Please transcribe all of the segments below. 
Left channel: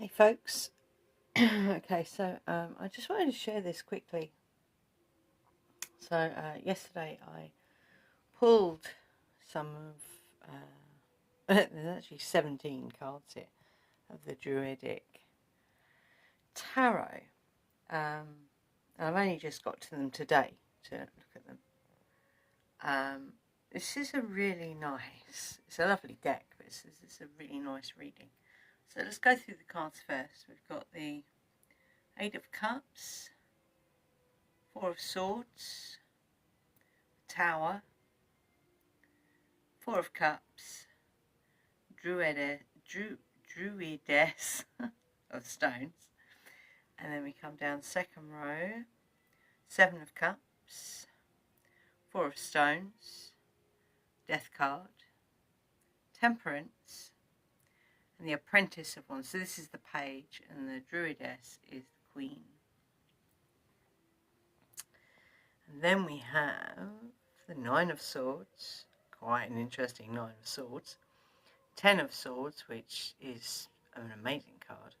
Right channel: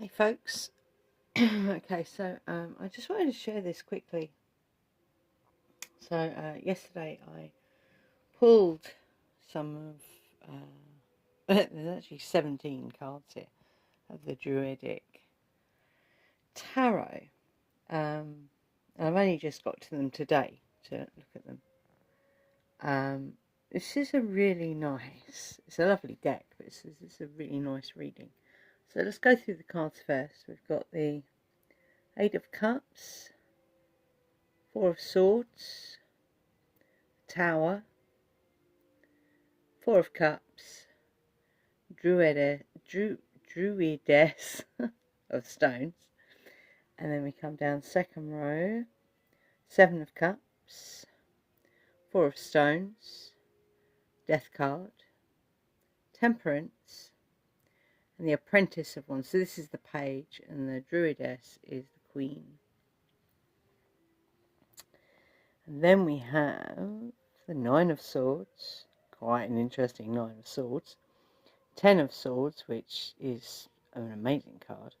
Hey folks, okay, so I just wanted to share this quickly. So yesterday I pulled some of, there's actually 17 cards here of the Druidic Tarot, and I've only just got to them today to look at them. This is a really nice, it's a lovely deck, but it's a really nice reading. So let's go through the cards first. We've got the Eight of Cups, Four of Swords, Tower, Four of Cups, Druidess of Stones, and then we come down second row, Seven of Cups, Four of Stones, Death card, Temperance, and the Apprentice of Wands. So this is the Page, and the Druidess is the Queen. And then we have the Nine of Swords, quite an interesting Nine of Swords, Ten of Swords, which is an amazing card.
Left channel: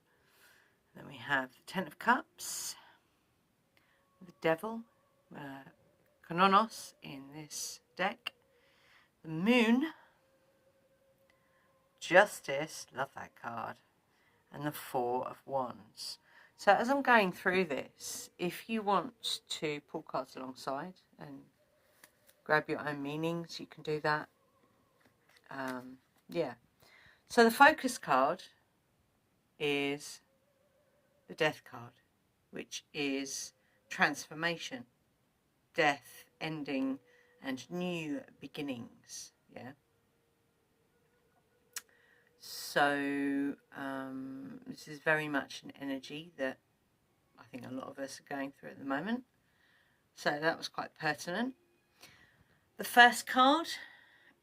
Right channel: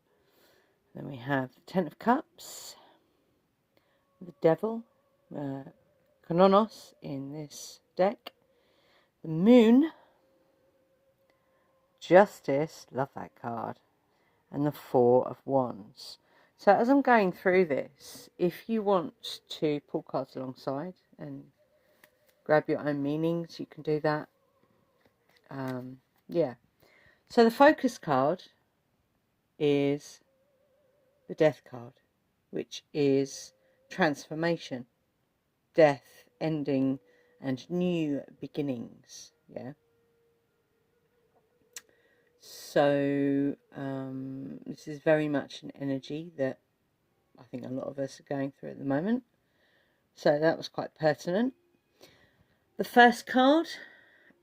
Then we have the Ten of Cups, the Devil, Kononos in this deck, the Moon, Justice, love that card, and the Four of Wands. So as I'm going through this, if you want to pull cards alongside and grab your own meanings, you can do that. Yeah. So the focus card is the Death card, which is transformation, death, ending, and new beginnings. Yeah. So this is very much an energy that I think a lot of us are going through at the moment. So that was quite pertinent. The first card,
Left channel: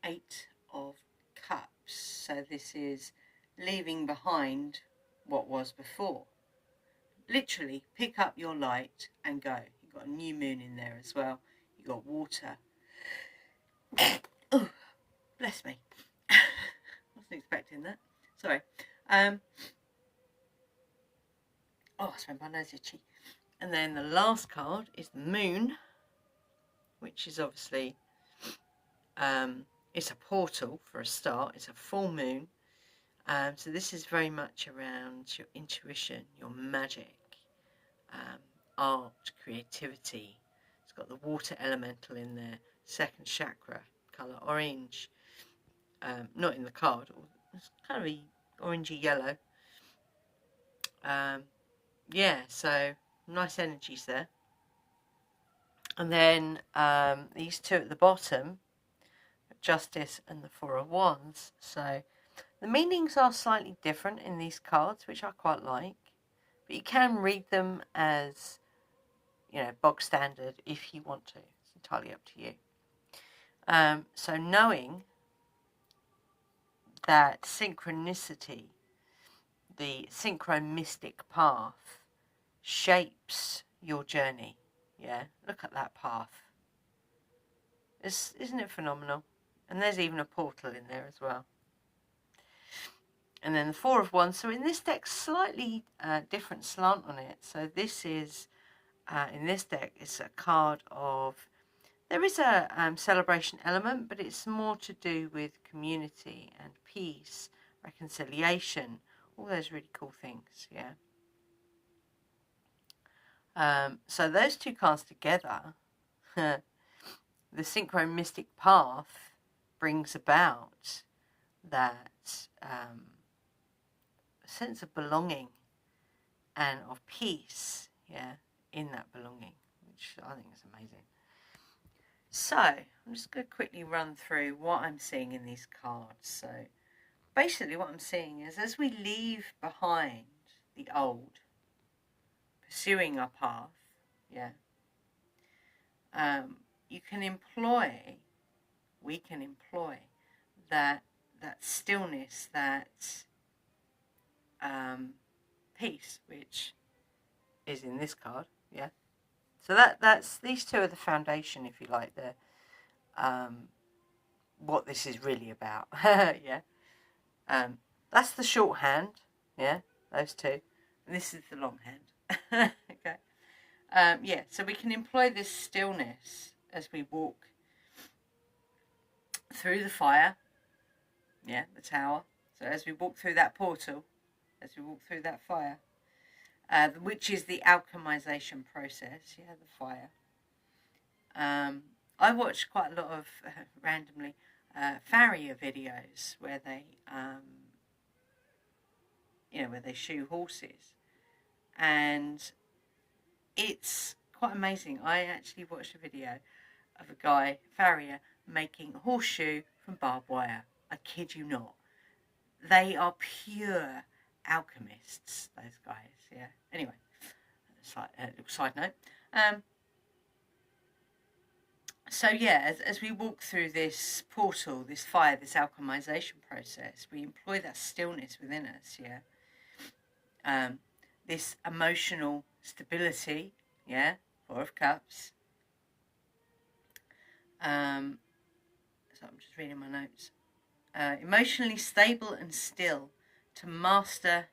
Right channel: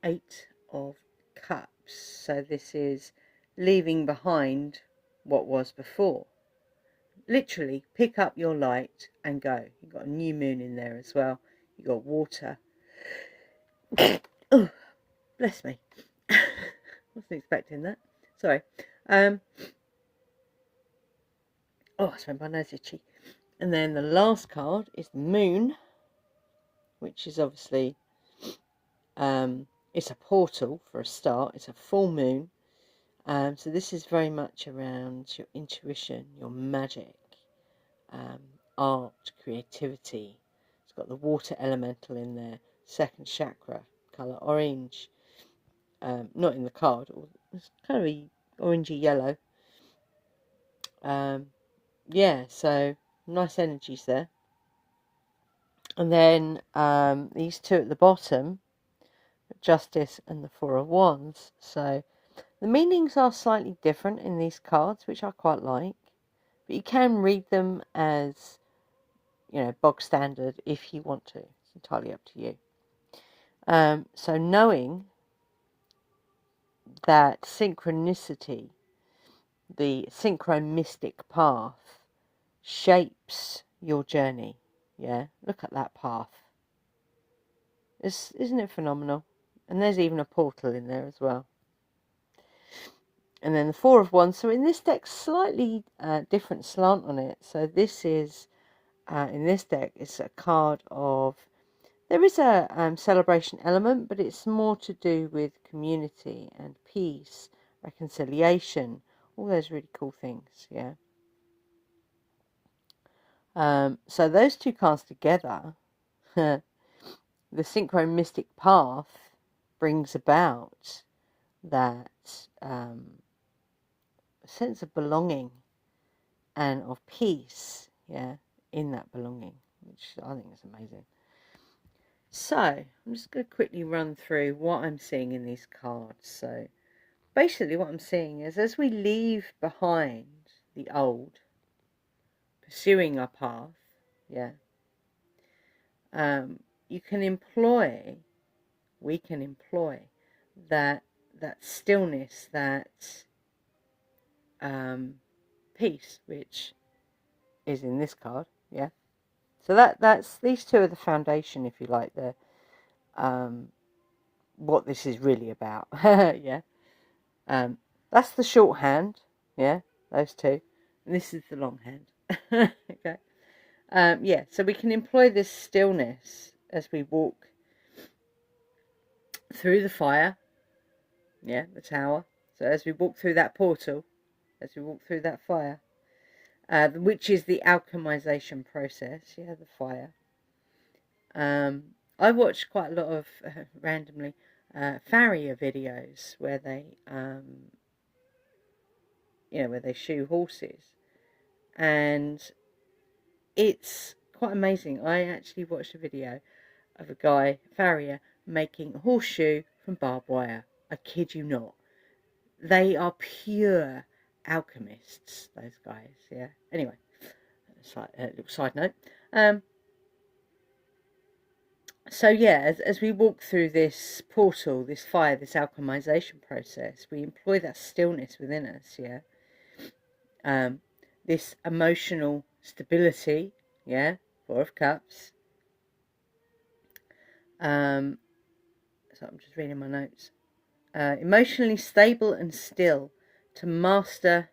Eight of Cups. So this is leaving behind what was before. Literally, pick up your light and go. You've got a new moon in there as well. You've got water. Oh, bless me. Wasn't expecting that. Sorry. Oh, I spent my nose itchy. And then the last card is the Moon, which is obviously, it's a portal for a start. It's a full moon. So this is very much around your intuition, your magic, art, creativity. It's got the water elemental in there, second chakra, colour orange. Not in the card, it's kind of a orangey yellow. Yeah, so nice energies there. And then these two at the bottom, Justice and the Four of Wands. So the meanings are slightly different in these cards, which I quite like. But you can read them as, bog standard if you want to. It's entirely up to you. So knowing that synchronicity, the synchronistic path, shapes your journey. Yeah, look at that path. Isn't it phenomenal? And there's even a portal in there as well. And then the Four of Wands. So in this deck, slightly different slant on it. So this is, in this deck, it's a card of, there is a celebration element, but it's more to do with community and peace, reconciliation, all those really cool things, yeah. So those two cards together, the synchronistic path brings about that sense of belonging and of peace, yeah, in that belonging, which I think is amazing. So I'm just going to quickly run through what I'm seeing in these cards. So basically what I'm seeing is, as we leave behind the old, pursuing our path, yeah, we can employ that stillness, that peace, which is in this card, yeah. So that's these two are the foundation, if you like, the what this is really about. Yeah. That's the shorthand, yeah. those two. And this is the long hand. Okay. Yeah, so we can employ this stillness as we walk through the fire, yeah, the tower. So as we walk through that portal, as we walk through that fire, which is the alchemization process, yeah, the fire. I watched quite a lot of, randomly, farrier videos where they, where they shoe horses. And it's quite amazing. I actually watched a video of a guy, farrier, making a horseshoe from barbed wire. I kid you not. They are pure alchemists, those guys, yeah. Anyway, little side note. So yeah, as we walk through this portal, this fire, this alchemization process, we employ that stillness within us, yeah. This emotional stability, yeah, Four of Cups. So I'm just reading my notes. Emotionally stable and still to master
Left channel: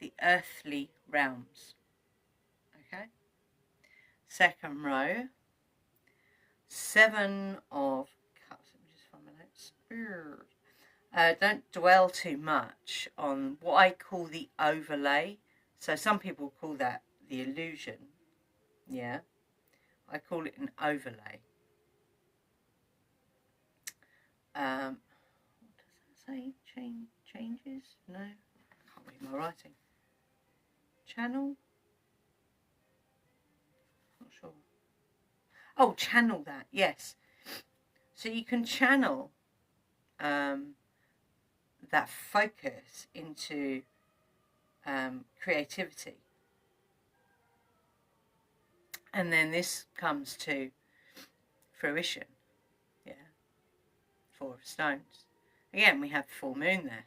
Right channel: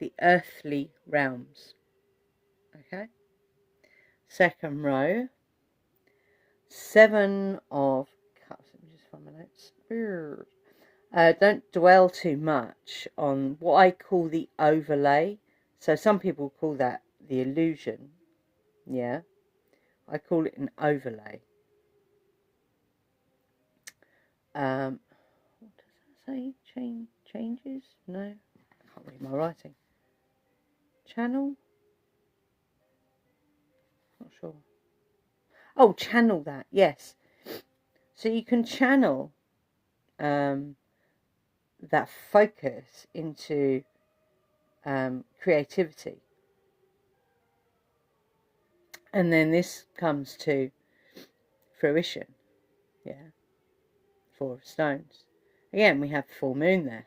the earthly realms. Okay. Second row. Seven of Cups. Let me just find my notes. Don't dwell too much on what I call the overlay. So some people call that the illusion. Yeah. I call it an overlay. What does that say? Changes? No. I can't read my writing. Channel? Not sure. Oh, channel that. Yes. So you can channel that focus into creativity. And then this comes to fruition. Yeah. Four of Stones. Again, we have the full moon there.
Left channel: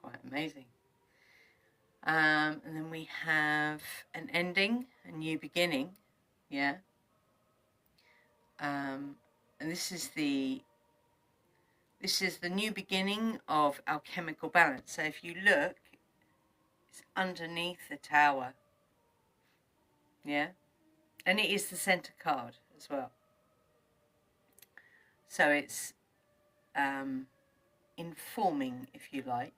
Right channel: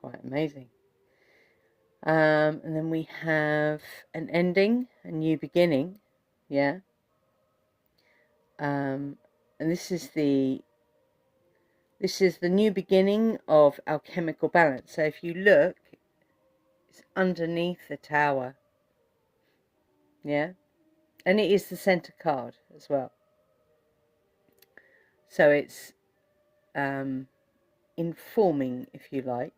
Quite amazing. And then we have an ending, a new beginning. Yeah. And this is the new beginning of alchemical balance. So if you look, it's underneath the tower. Yeah. And it is the center card as well. So it's informing, if you like,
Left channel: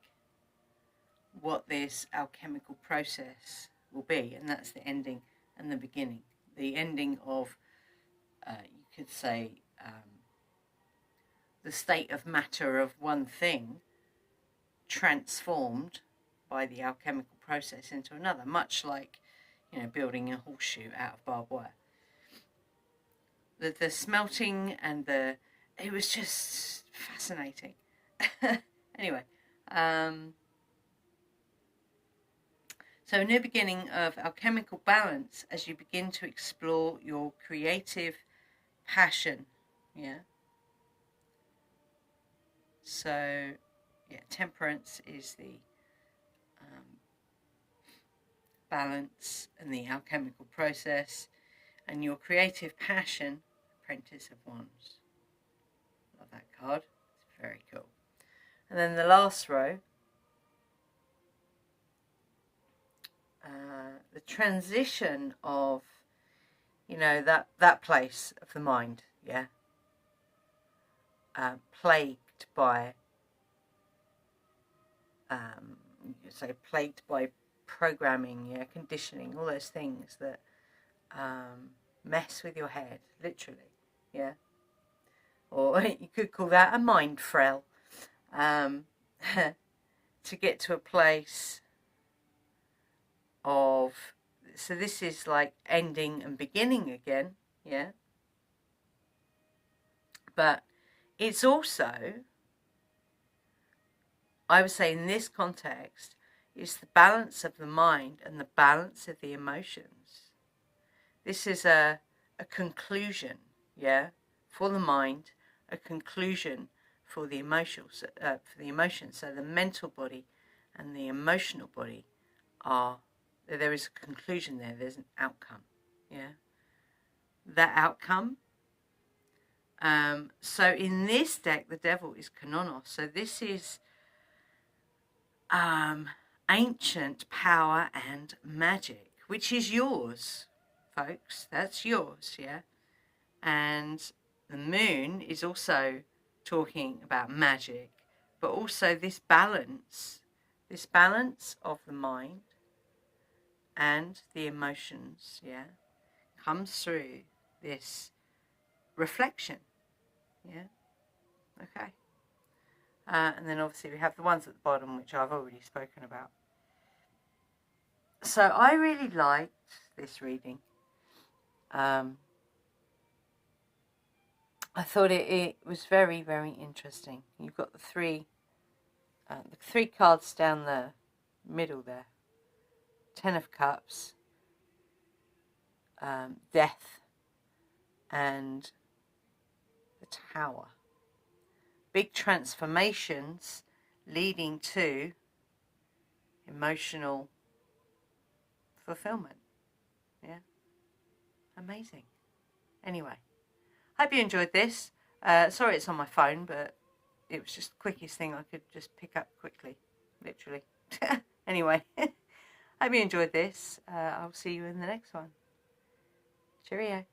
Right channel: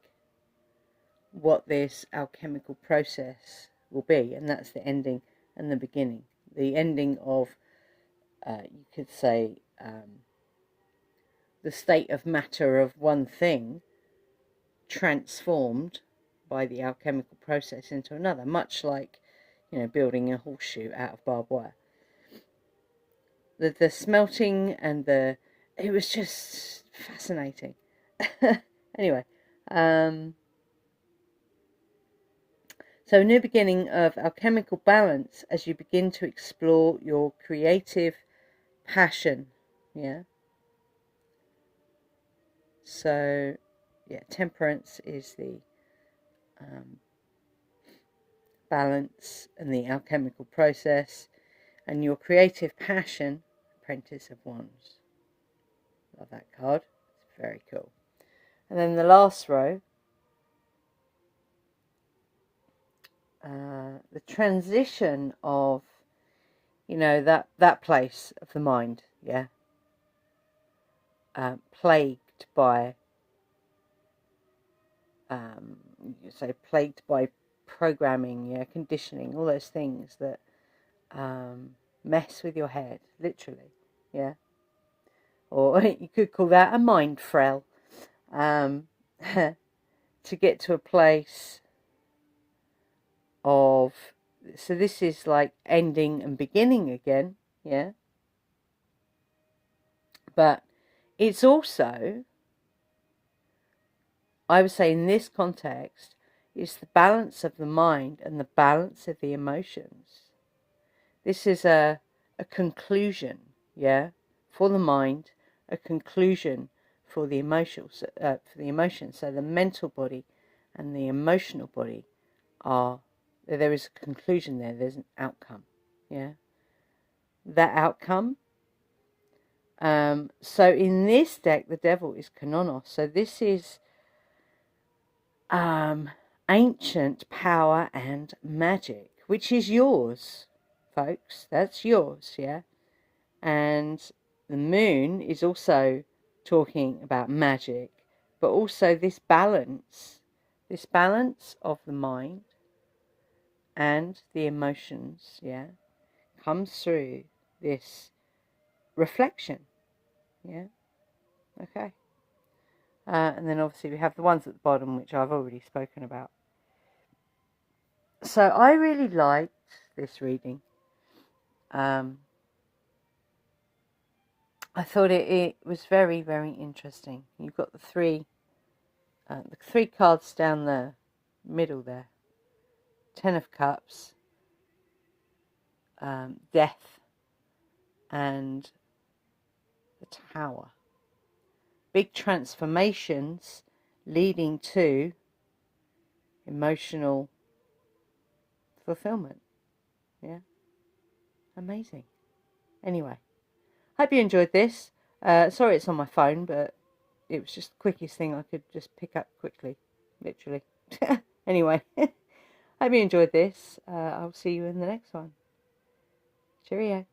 what this alchemical process will be. And that's the ending and the beginning. The ending of, you could say, the state of matter of one thing transformed by the alchemical process into another, much like, building a horseshoe out of barbed wire. The smelting and it was just fascinating. Anyway, so a new beginning of alchemical balance as you begin to explore your creative passion, yeah. So, yeah, temperance is the balance and the alchemical process, and your creative passion, Apprentice of Wands. Love that card. It's very cool. And then the last row, the transition of, that place of the mind, yeah, plagued by, plagued by programming, yeah, conditioning, all those things that mess with your head, literally, yeah. Or you could call that a mind frail. To get to a place of, so this is like ending and beginning again, yeah. But it's also, I would say in this context, it's the balance of the mind and the balance of the emotions. This is a conclusion, yeah, for the mind, a conclusion for the emotions. So the mental body and the emotional body there is a conclusion there. There's an outcome, yeah. That outcome. So in this deck, the Devil is Kanonos. So this is ancient power and magic, which is yours, folks. That's yours, yeah? And the moon is also talking about magic, but also this balance of the mind and the emotions, yeah, comes through this reflection, yeah, okay. And then obviously we have the ones at the bottom, which I've already spoken about. So I really liked this reading. I thought it was very, very interesting. You've got the three cards down the middle there. 10 of Cups, Death, and the Tower. Big transformations leading to emotional fulfillment. Yeah, amazing. Anyway, hope you enjoyed this. Sorry it's on my phone, but it was just the quickest thing I could just pick up quickly, literally. Anyway, hope you enjoyed this. I'll see you in the next one. Cheerio.